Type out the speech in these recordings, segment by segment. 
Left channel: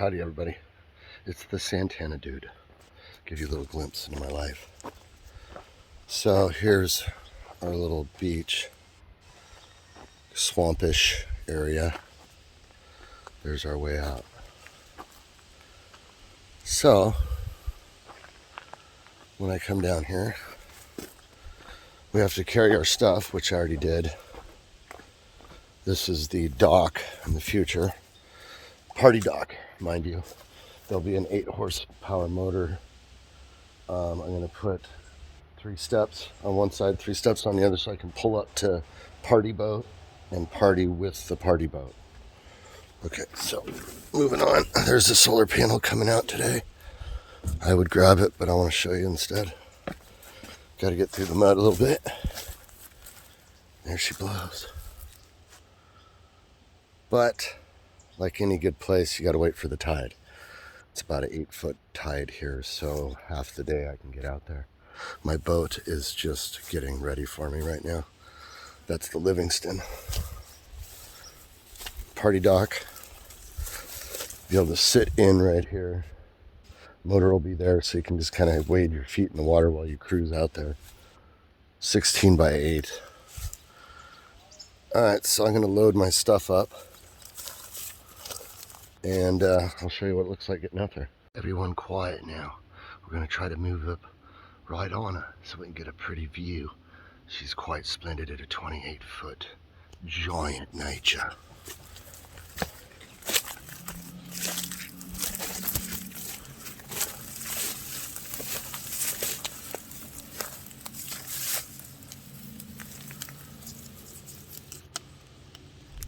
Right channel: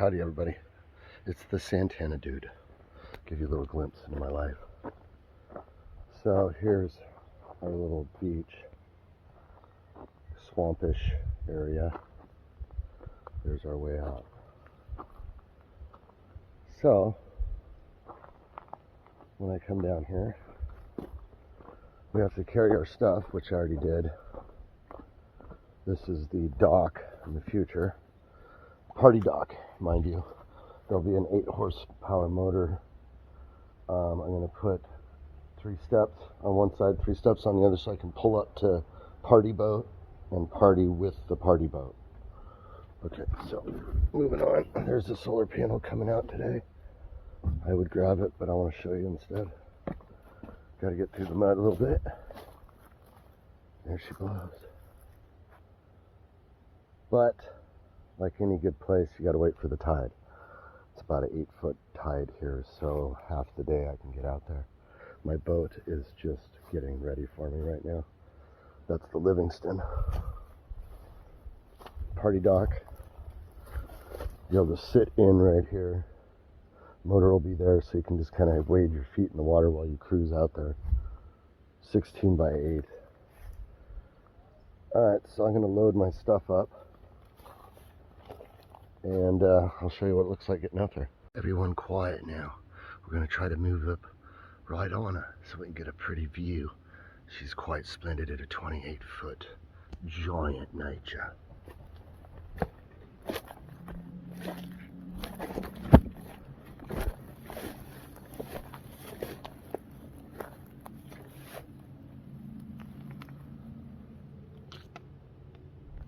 Howdy everybody, it's the Santana dude. Give you a little glimpse into my life. So here's our little beach, swampish area. There's our way out. So when I come down here, we have to carry our stuff, which I already did. This is the dock in the future. Party dock, mind you. There'll be an 8 horsepower motor. I'm going to put 3 steps on one side, 3 steps on the other, so I can pull up to party boat and party with the party boat. Okay, so moving on. There's a solar panel coming out today. I would grab it, but I want to show you instead. Got to get through the mud a little bit. There she blows. But like any good place, you got to wait for the tide. It's about an 8-foot tide here, so half the day I can get out there. My boat is just getting ready for me right now. That's the Livingston. Party dock. Be able to sit in right here. Motor will be there, so you can just kind of wade your feet in the water while you cruise out there. 16 by 8. All right, so I'm going to load my stuff up. And I'll show you what it looks like getting out there. Everyone quiet now. We're going to try to move up right on her so we can get a pretty view. She's quite splendid at a 28-foot giant nature.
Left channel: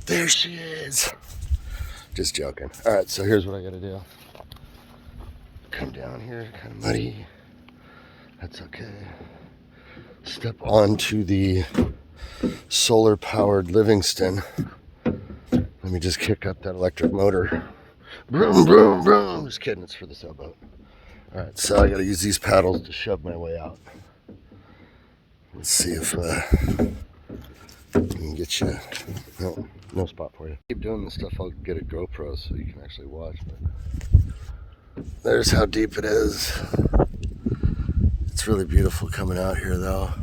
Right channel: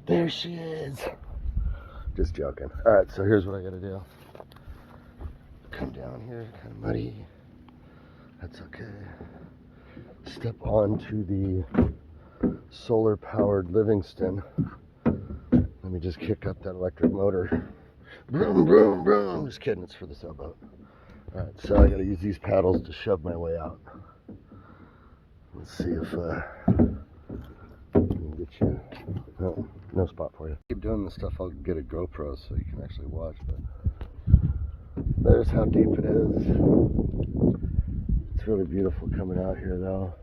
There she is. Just joking. All right, so here's what I gotta do. Come down here, kind of muddy. That's okay. Step onto the solar-powered Livingston. Let me just kick up that electric motor. Vroom, vroom, vroom. Just kidding, it's for the sailboat. All right, so I gotta use these paddles to shove my way out. Let's see if we can get you. No spot for you. Keep doing this stuff, I'll get a GoPro so you can actually watch. But there's how deep it is. It's really beautiful coming out here though.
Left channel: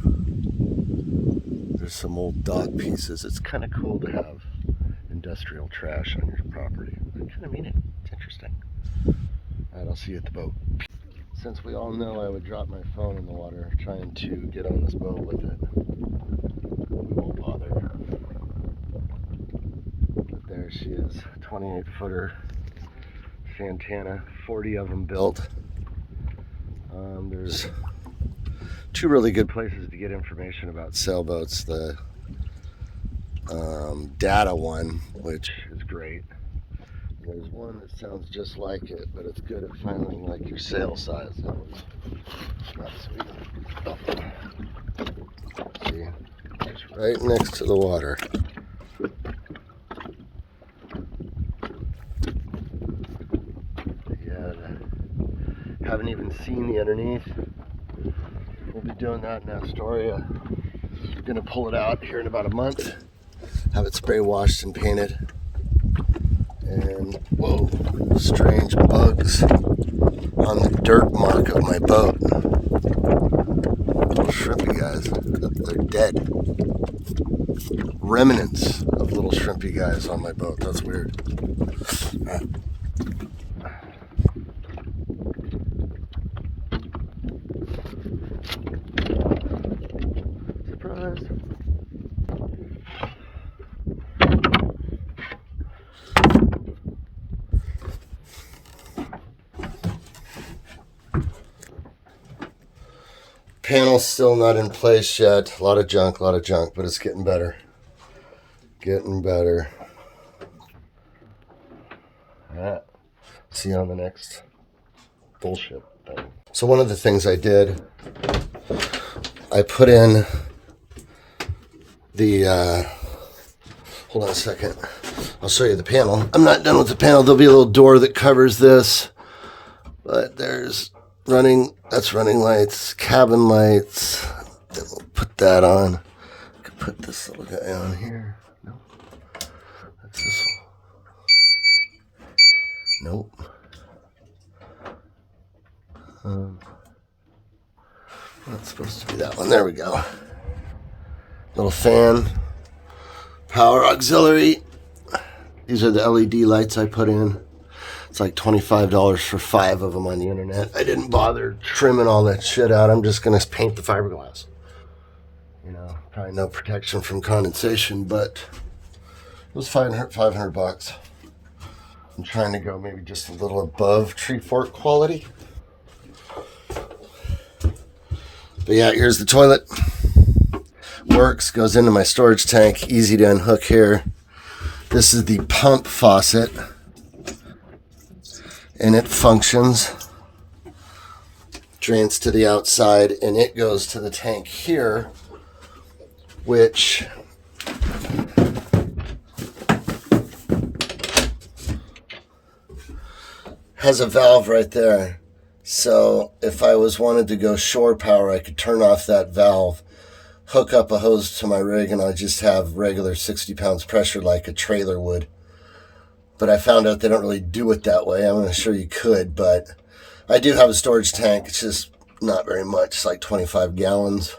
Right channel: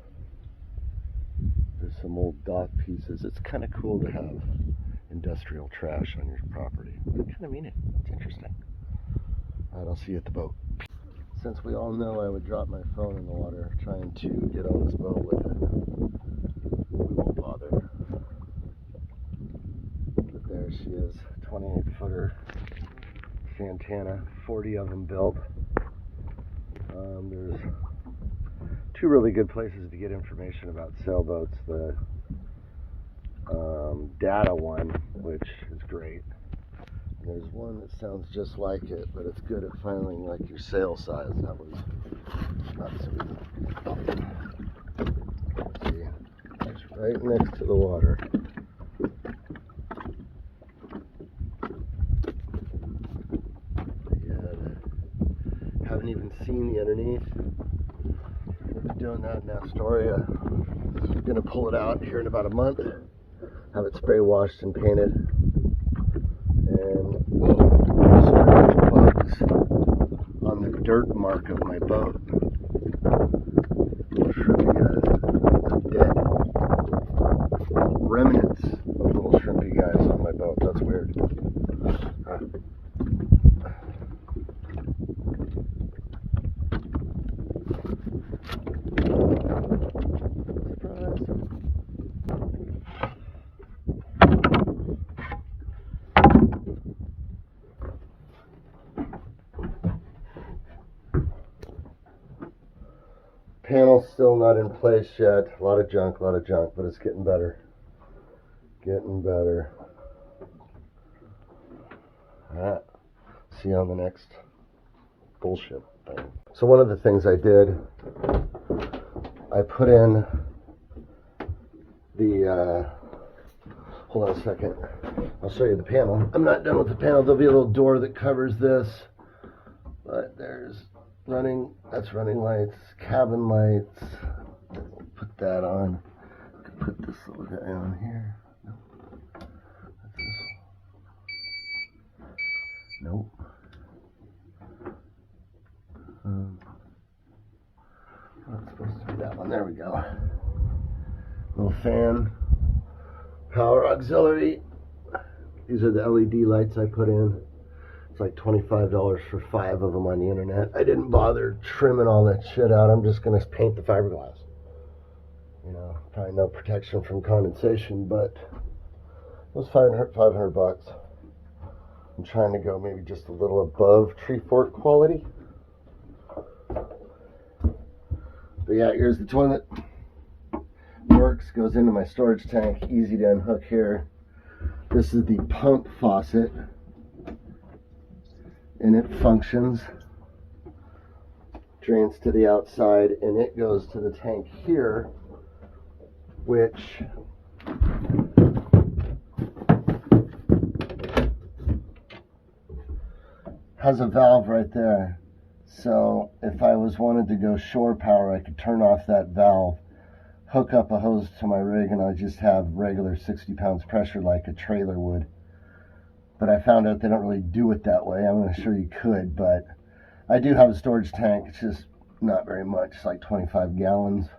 There's some old dock pieces. It's kind of cool to have industrial trash on your property. I kind of mean it. It's interesting. All right, I'll see you at the boat. Since we all know I would drop my phone in the water trying to get on this boat with it, we won't bother. But there she is, 28-footer Santana, 40 of them built. There's 2 really good places to get information about sailboats. The data one, which is great. There's one that sounds just like it, but it's good at finding like your sail size. That one's not so good. See, it's right next to the water. Haven't even seen the underneath. We'll be doing that in Astoria. I'm gonna pull it out here in about a month, have it spray washed and painted. And whoa, strange bugs on the dirt mark of my boat. Little shrimpy guys, they're dead. Remnants of little shrimpy guys on my boat. That's weird. Panel's still not in place yet. A lot of junk, but it's getting better. Getting better. All right. See you on the next bullshit thing. So one of the things I did, I put in the, hold on a second. I'll show you the panel. I'm not done with the panel. There'll be a little door that covers this, but there's that's running lights, cabin lights. Then we'll put that on. I could put this little guy on here. Nope. That's this one. Nope. It's supposed to be that one. There we go. Little fan, power auxiliary. These are the LED lights I put in. It's like $25 for 5 of them on the internet. I didn't bother trimming all that shit out. I'm just gonna paint the fiberglass. You know, probably no protection from condensation, but it was 500 bucks. I'm trying to go maybe just a little above tree fork quality. But yeah, here's the toilet. Works, goes into my storage tank, easy to unhook here. This is the pump faucet, and it functions. Drains to the outside, and it goes to the tank here, which has a valve right there. So if I wanted to go shore power, I could turn off that valve, hook up a hose to my rig, and I just have regular 60 pounds pressure like a trailer would. But I found out they don't really do it that way. I'm not sure you could, but I do have a storage tank. It's just not very much. It's like 25 gallons.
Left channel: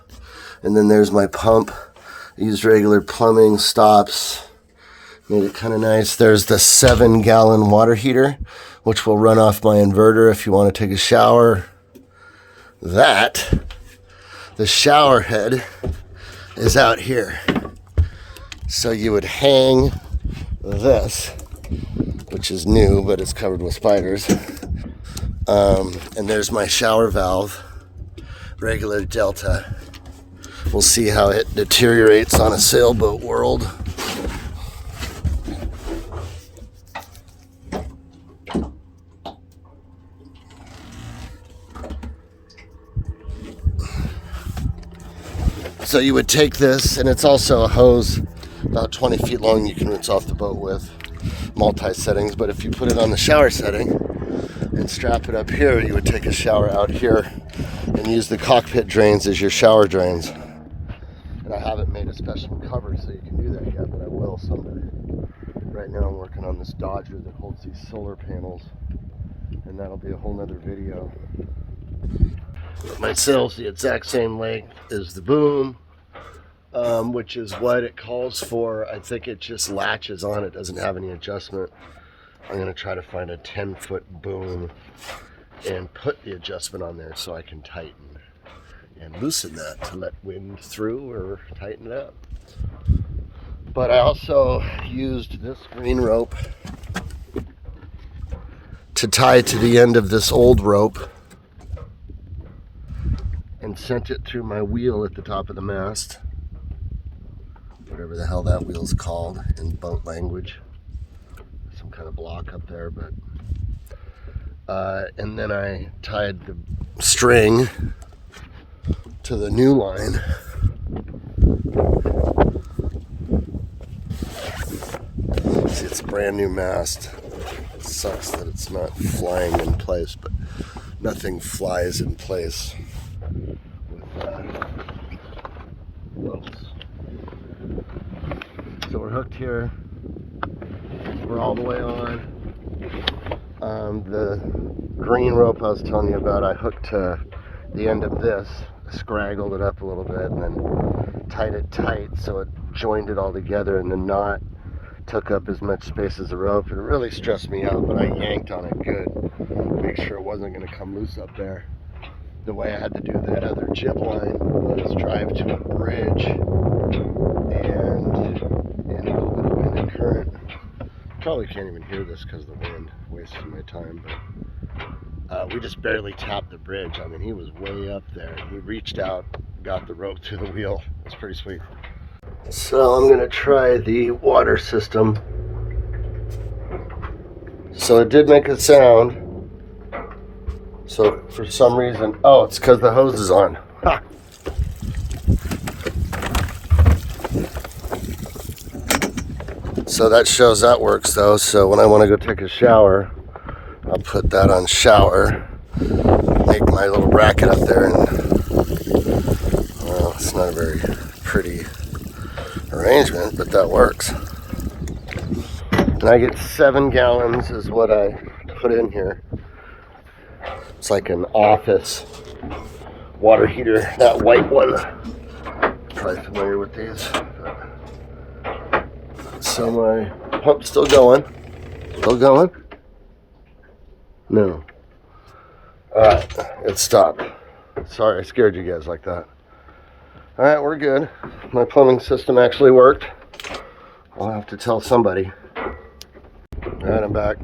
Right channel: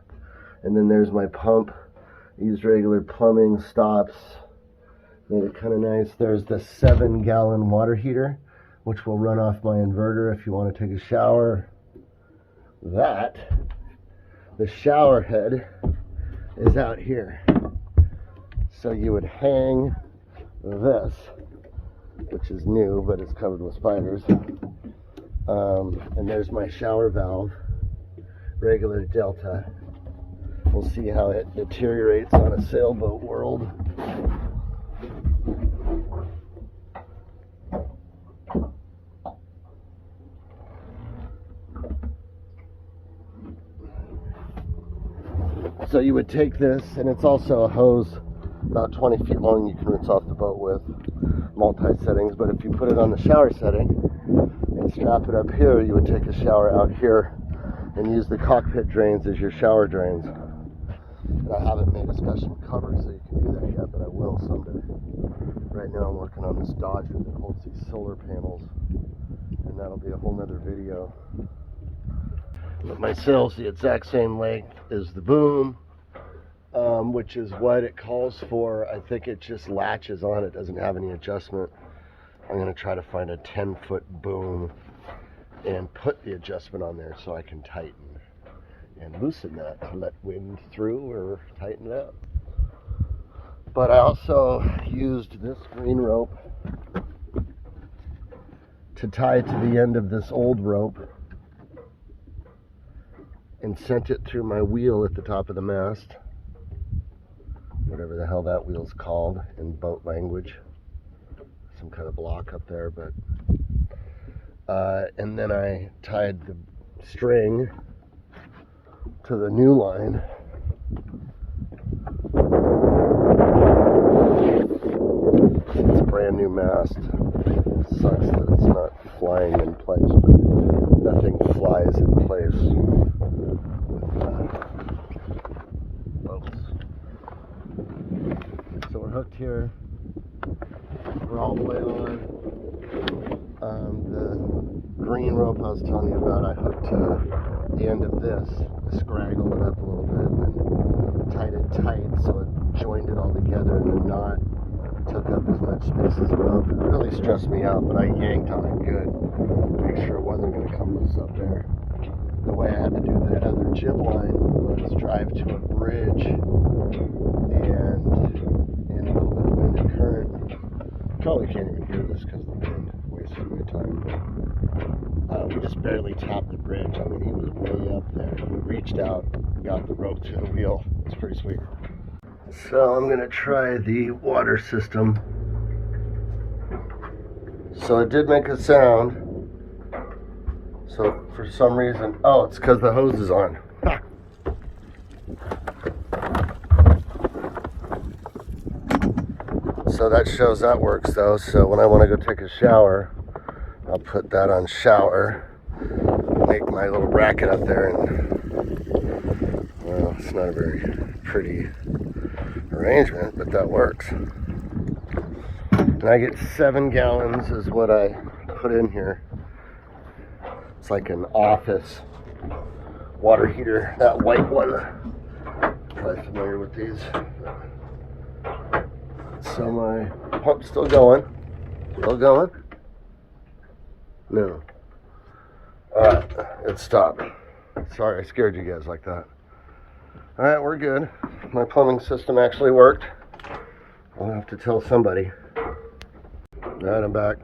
And then there's my pump. I used regular plumbing stops. Made it kind of nice. There's the 7-gallon water heater, which will run off my inverter if you want to take a shower. The shower head is out here. So you would hang this, which is new, but it's covered with spiders. And there's my shower valve, regular Delta. We'll see how it deteriorates on a sailboat world. So you would take this, and it's also a hose about 20 feet long you can rinse off the boat with, multi-settings. But if you put it on the shower setting and strap it up here, you would take a shower out here and use the cockpit drains as your shower drains. And I haven't made a special cover so you can do that yet, but I will someday. Right now I'm working on this Dodger that holds these solar panels, and that'll be a whole nother video. But my sail's the exact same length as the boom, which is what it calls for. I think it just latches on. It doesn't have any adjustment. I'm going to try to find a 10-foot boom and put the adjustment on there so I can tighten and loosen that to let wind through or tighten it up. But I also used this green rope to tie to the end of this old rope and sent it through my wheel at the top of the mast, whatever the hell that wheel's called in boat language, some kind of block up there. But and then I tied the string to the new line. See, it's a brand new mast. It sucks that it's not flying in place, but nothing flies in place. So we're hooked here. We're all the way on. The green rope I was telling you about, I hooked to the end of this. I scraggled it up a little bit and then tied it tight so it joined it all together, and the knot took up as much space as the rope. It really stressed me out, but I yanked on it good to make sure it wasn't going to come loose up there. The way I had to do that other jib line was drive to a bridge and in a little bit of wind and current. Probably can't even hear this because of the wind, wasting my time. But we just barely tapped the bridge. I mean, he was way up there. We reached out, got the rope to the wheel. It's pretty sweet. So I'm going to try the water system. So it did make a sound. So for some reason, oh, it's because the hose is on. Ha! So that shows that works though. So when I want to go take a shower, I'll put that on shower, make my little bracket up there, and well, it's not a very pretty arrangement, but that works. And I get 7 gallons is what I put in here. It's like an office water heater, that white one. Probably familiar with these. So my pump's still going. Still going? No. Alright, it stopped. Sorry, I scared you guys like that. Alright, we're good. My plumbing system actually worked. I'll have to tell somebody. Alright, I'm back.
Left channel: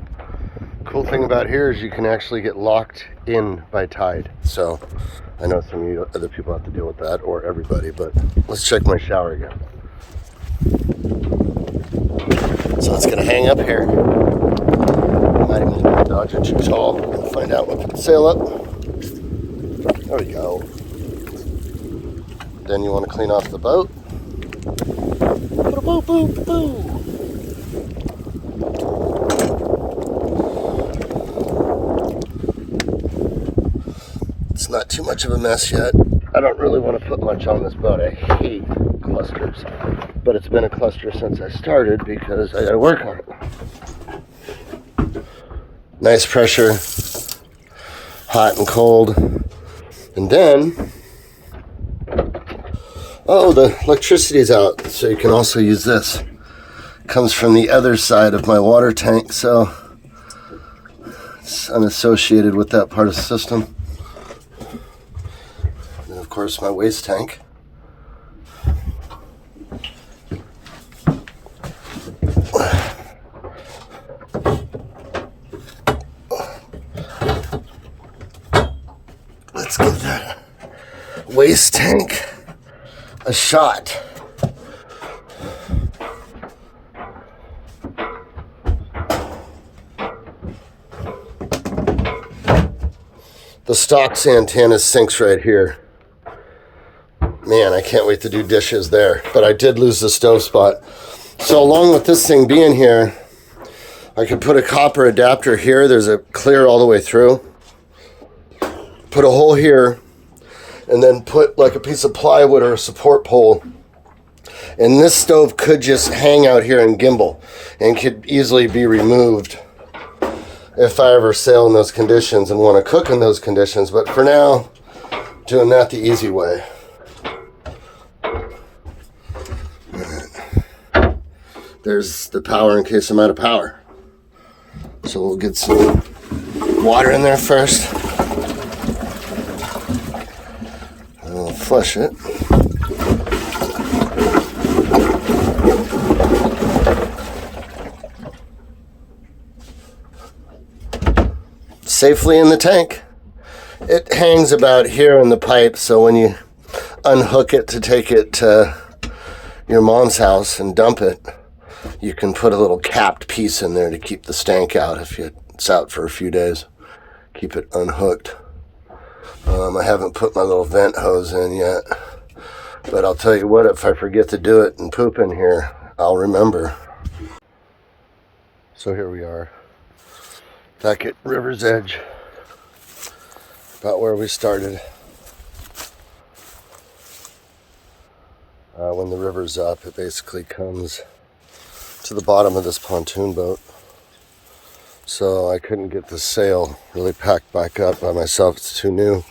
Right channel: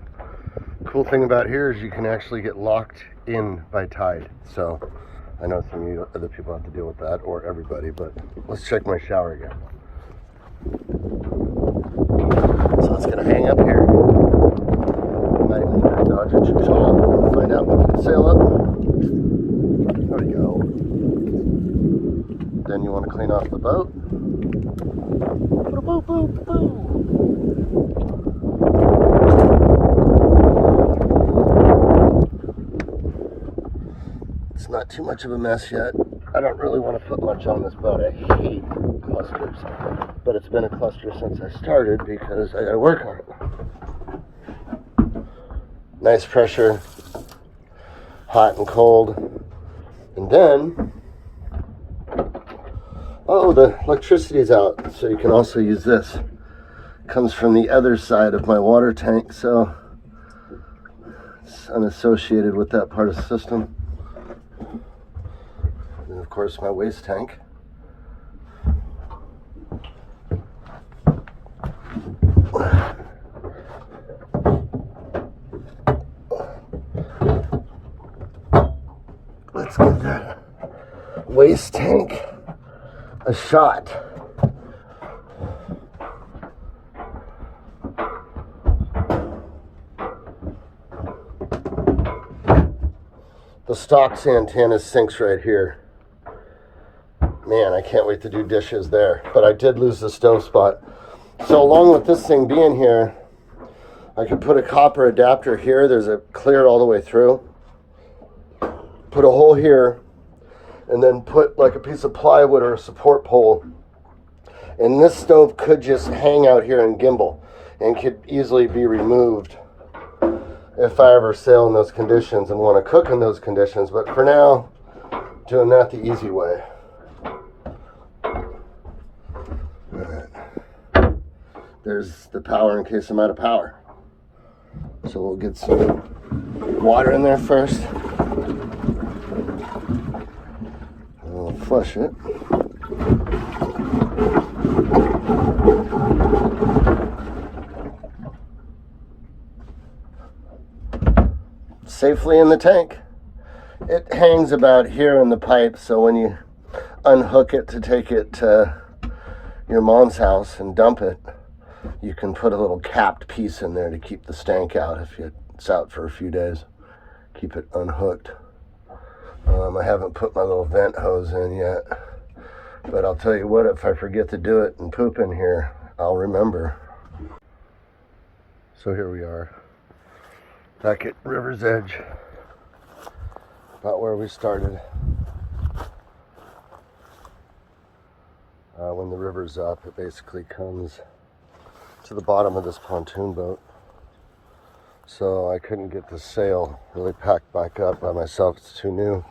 Cool thing about here is you can actually get locked in by tide. So I know some of you other people have to deal with that, or everybody, but let's check my shower again. So it's gonna hang up here. Might have made the Dodger too tall. We'll find out if it can sail up. There we go. Then you want to clean off the boat. Boop, boop, boop. It's not too much of a mess yet. I don't really want to put much on this boat. I hate clusters. But it's been a cluster since I started because I gotta work on it. Nice pressure, hot and cold. And then, oh, the electricity's out, so you can also use this. It comes from the other side of my water tank, so it's unassociated with that part of the system. And of course, my waste tank. Let's give that waste tank a shot. The stock Santana sinks right here. Man, I can't wait to do dishes there. But I did lose the stove spot. So along with this thing being here, I could put a copper adapter here. There's a clear all the way through. Put a hole here, and then put like a piece of plywood or a support pole. And this stove could just hang out here and gimbal and could easily be removed if I ever sail in those conditions and want to cook in those conditions. But for now, doing that the easy way. There's the power in case I'm out of power. So we'll get some water in there first. I'll flush it. Safely in the tank. It hangs about here in the pipe, so when you unhook it to take it to your mom's house and dump it, you can put a little capped piece in there to keep the stank out if it's out for a few days. Keep it unhooked. I haven't put my little vent hose in yet, but I'll tell you what, if I forget to do it and poop in here, I'll remember. So here we are, back at river's edge, about where we started. When the river's up, it basically comes to the bottom of this pontoon boat. So I couldn't get the sail really packed back up by myself, it's too new.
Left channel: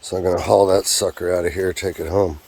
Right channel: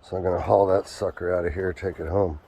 So I'm gonna haul that sucker out of here, take it home.